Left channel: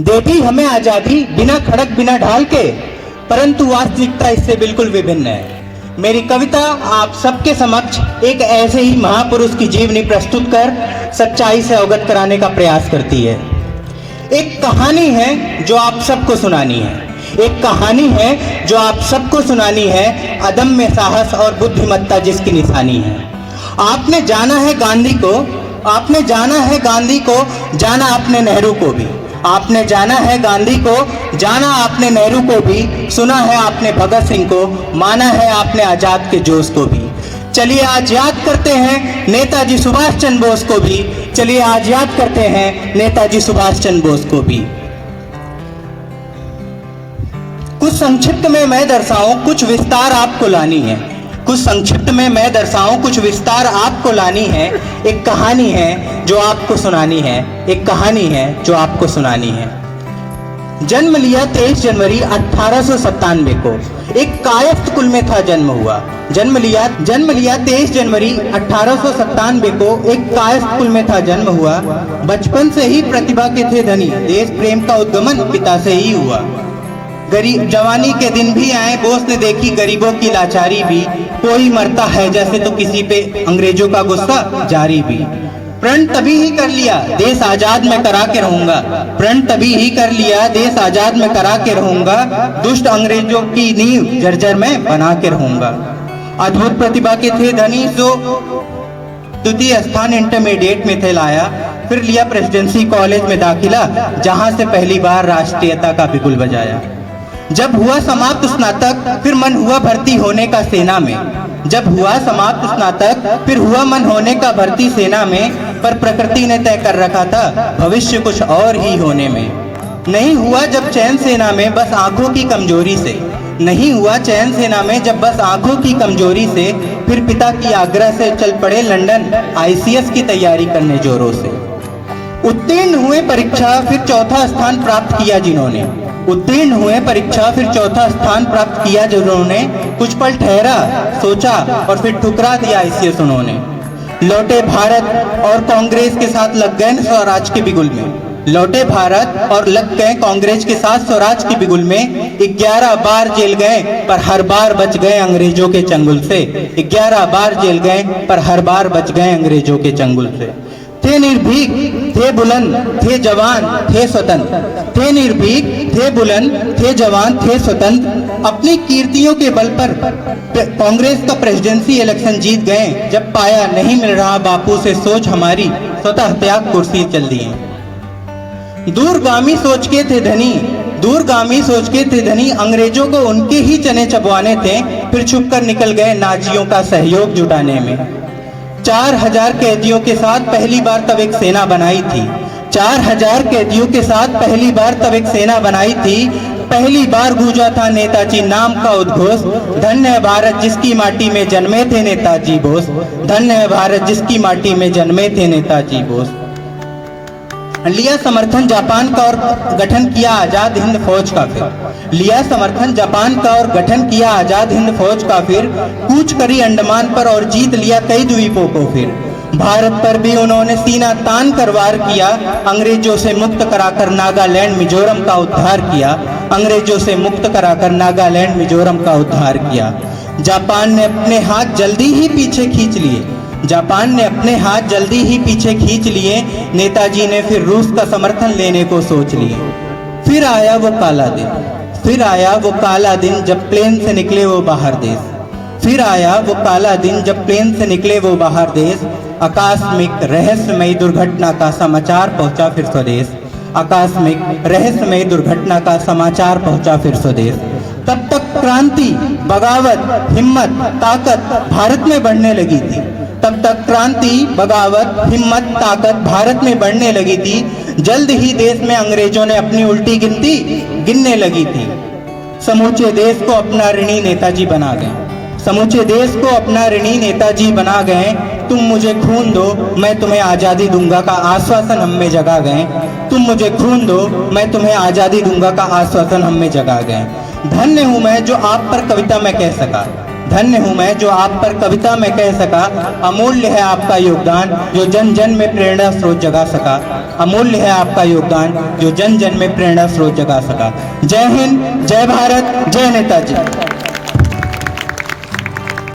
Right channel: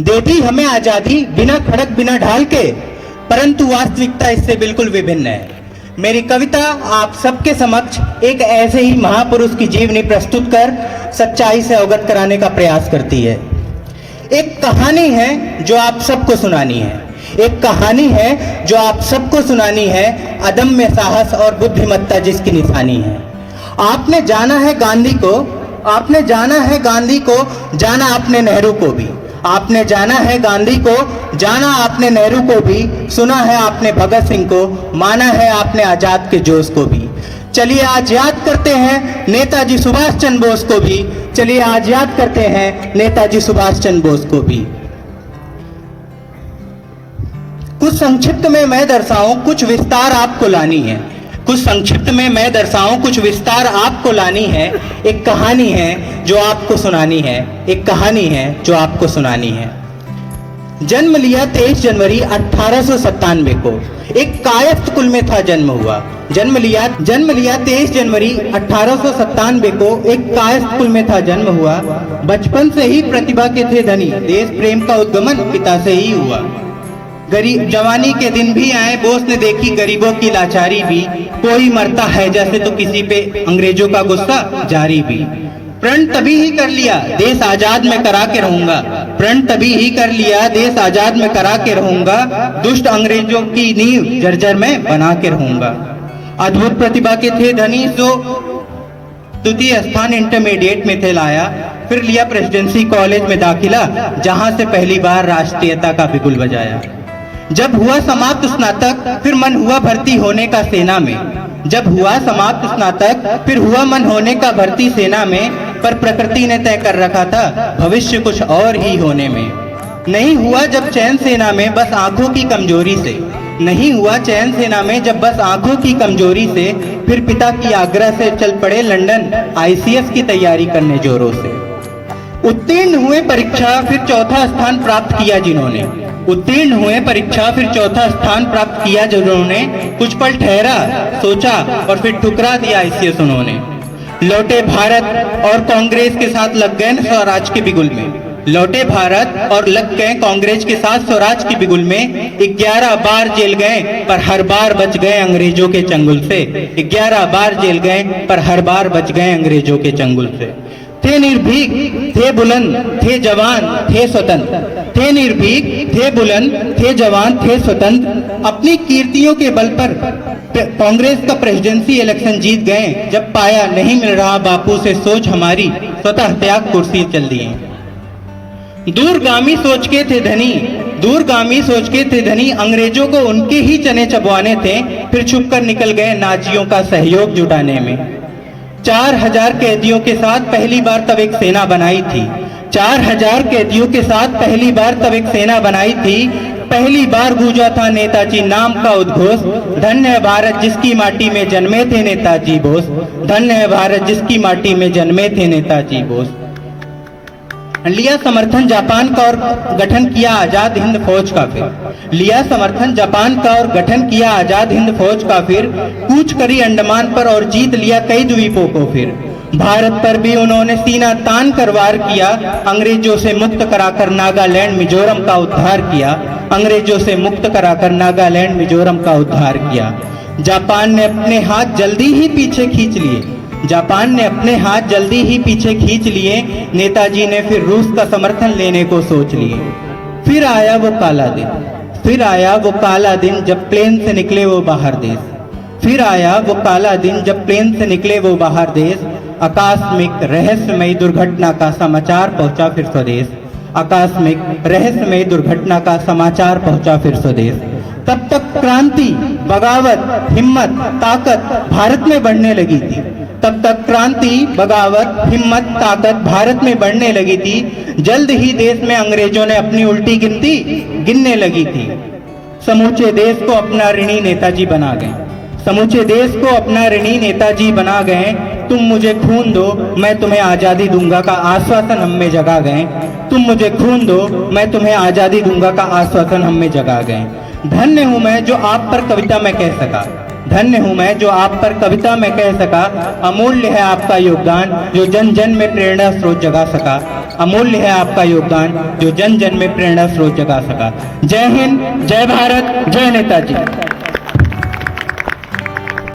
दे दी हमें आजादी बिना खड़क बिना ढाल के, परंतु वास्तविकता इससे बिल्कुल विभिन्न है। मेरी कविता आप सबके समक्ष एक ऐसे ही महापुरुष की जीवनी प्रस्तुत कर सच्चाई से अवगत कराने का प्रयास करती है। एक कहानी है जो आप सबको सुनानी है, एक कहानी है जो आप सबको सुनानी है, अदम्य साहस और बुद्धिमत्ता जिसकी निशानी है। आपने जाना है गांधी को, आपने जाना है गांधी को, जाना आपने नेहरू को भी। आपने जाना है गांधी को, जाना आपने नेहरू को भी, सुना है आपने भगत सिंह को, माना है आपने आजाद के जोश को भी। चलिए आज याद करते हैं नेताजी सुभाष चंद्र बोस को भी, चलिए आज याद करते हैं नेताजी सुभाष चंद्र बोस को भी। कुछ संक्षिप्त में मैं दर्शाऊं, कुछ विस्तार आपको लानी है। कुछ संक्षिप्त में मैं दर्शाऊं, कुछ विस्तार आपको लानी है। एक कहानी है जो आपको सुनानी है, एक कहानी है जो आपको सुनानी है। जन्म लिया 23 जनवरी 1897 को, एक कायस्थ कुल में था जन्म हुआ। जन्म लिया 23 जनवरी 1897 को, एक कायस्थ कुल में था जन्म हुआ। बचपन से ही प्रतिभा के थे धनी, देश प्रेम का उद्गमन पिता से ही हुआ। गरीब जवानी के दिन भी आए, बोस ने देखी गरीबों की लाचारी भी। कोई मरता है जैसे तो किसी पे अंग्रेजों का गुस्सा जारी भी। प्रण तभी ही कर लिया देश आजाद में करा के रहूंगा, प्रण तभी ही कर लिया देश आजाद में करा के रहूंगा। दुष्ट अंग्रेजों की नींव जर्जर में बना के रहूंगा। अद्भुत प्रतिभा के थे धनी, सो द्वितीय स्थान इंटरमीडिएट में थे लाया। फिर लिया प्रेसिडेंसी कॉलेज में दाखिला, जहां से पहली बार राष्ट्रीयता का बिगुल बजाया। जब हुआ समाप्त स्नातक, फिर मन हुआ भर्ती होने का सेना में। जब हुआ समाप्त स्नातक, फिर हुआ मन होने का भर्ती सेना में। पर प्रकृति ने तय कर रखा था भविष्य कुछ और ही होने में। नहीं हुआ जब चैन सेना में, बस आंखों की कमजोरी से। नहीं हुआ चैन सेना में जब बस आंखों की कमजोरी से। फिर पिता की आग्रह से चल पड़े लंदन ICS की तैयारी करने जोरों से। उत्तीर्ण हुए परीक्षा, फिर चौथा स्थान प्राप्त किया जिन्होंने। उत्तीर्ण हुए परीक्षा, फिर चौथा स्थान प्राप्त किया जिन्होंने। कुछ पल ठहरा, सोचा और फिर ठुकरा दिया ICS उन्होंने। लौटे भारत और कांग्रेस के साथ लग गए स्वराज के बिगुल में। लौटे भारत और लग गए कांग्रेस के साथ स्वराज के बिगुल में। 11 बार जेल गए पर हर बार बच गए अंग्रेजों के चंगुल से। 11 बार जेल गए पर हर बार बच गए अंग्रेजों के चंगुल से। थे निर्भीक, थे बुलंद, थे जवान, थे स्वतंत्र। थे निर्भीक, थे बुलंद, थे जवान, थे स्वतंत्र। अपनी कीर्तियों के बल पर कांग्रेस का प्रेसिडेंसी इलेक्शन जीत गए। जब पाया नहीं मिल रहा बापू से सोच हमारी, स्वतः त्याग कुर्सी चल दिए। दूरगामी सोच के थे धनी, दूरगामी सोच के थे धनी। अंग्रेजों को उनके ही चने चबवाने थे, फिर छुपकर निकल गए नाजियों का सहयोग जुटाने में। 4000 कैदियों के साथ पहली बार तब एक सेना बनाई थी। 4000 कैदियों के साथ पहली बार तब एक सेना बनाई थी। पहली बार गूंजा था नेताजी नाम का उद्घोष। धन्य है भारत जिसकी माटी में जन्मे थे नेताजी बोस। धन्य है भारत जिसकी माटी में जन्मे थे नेताजी बोस। लिया समर्थन जापान का और गठन किया आजाद हिंद फौज का। फिर लिया समर्थन जापान का और गठन किया आजाद हिंद फौज का। फिर कूच करी अंडमान पर और जीत लिया कई द्वीपों को। फिर भारत पर भी उन्होंने सीना तान कर वार किया। अंग्रेजों से मुक्त कराकर नागालैंड मिजोरम का उद्धार किया। अंग्रेजों से मुक्त कराकर नागालैंड मिजोरम का उद्धार किया। जापान ने अपने हाथ जल्दी ही पीछे खींच लिए। जापान ने अपने हाथ जल्दी ही पीछे खींच लिए। नेताजी ने फिर रूस का समर्थन लेने को सोच लिए। फिर आया वो काला दिन, फिर आया वो काला दिन जब प्लेन से निकले वो बाहर देश। फिर आया वो काला दिन जब प्लेन से निकले वो बाहर देश। आकस्मिक रहस्यमयी दुर्घटना का समाचार पहुंचा फिर स्वदेश। आकस्मिक रहस्यमयी दुर्घटना का समाचार पहुंचा फिर स्वदेश। तब तक क्रांति, बगावत, हिम्मत, ताकत भारत में बढ़ने लगी थी। तब तक क्रांति, बगावत, हिम्मत, ताकत भारत में बढ़ने लगी थी। जल्द ही देश में अंग्रेजों ने अपनी उल्टी गिनती गिनने लगी थी। समूचे देश को अपना ऋणी नेताजी बना गए। समूचे देश को अपना ऋणी नेताजी बना गए। तुम मुझे खून दो, मैं तुम्हें आजादी दूंगा का आश्वासन हम में जगा गए। तुम मुझे खून दो, मैं तुम्हें आजादी दूंगा का आश्वासन हम में जगा गए। धन्य हूँ मैं जो आप पर कविता में कह सका। धन्य हूँ मैं जो आप पर कविता में कह सका। अमूल्य है आपका योगदान जो जन जन में प्रेरणा स्रोत जगा सका। अमूल्य है आपका योगदान जो जन जन में प्रेरणा स्रोत जगा सका। जय हिंद, जय भारत, जय नेताजी।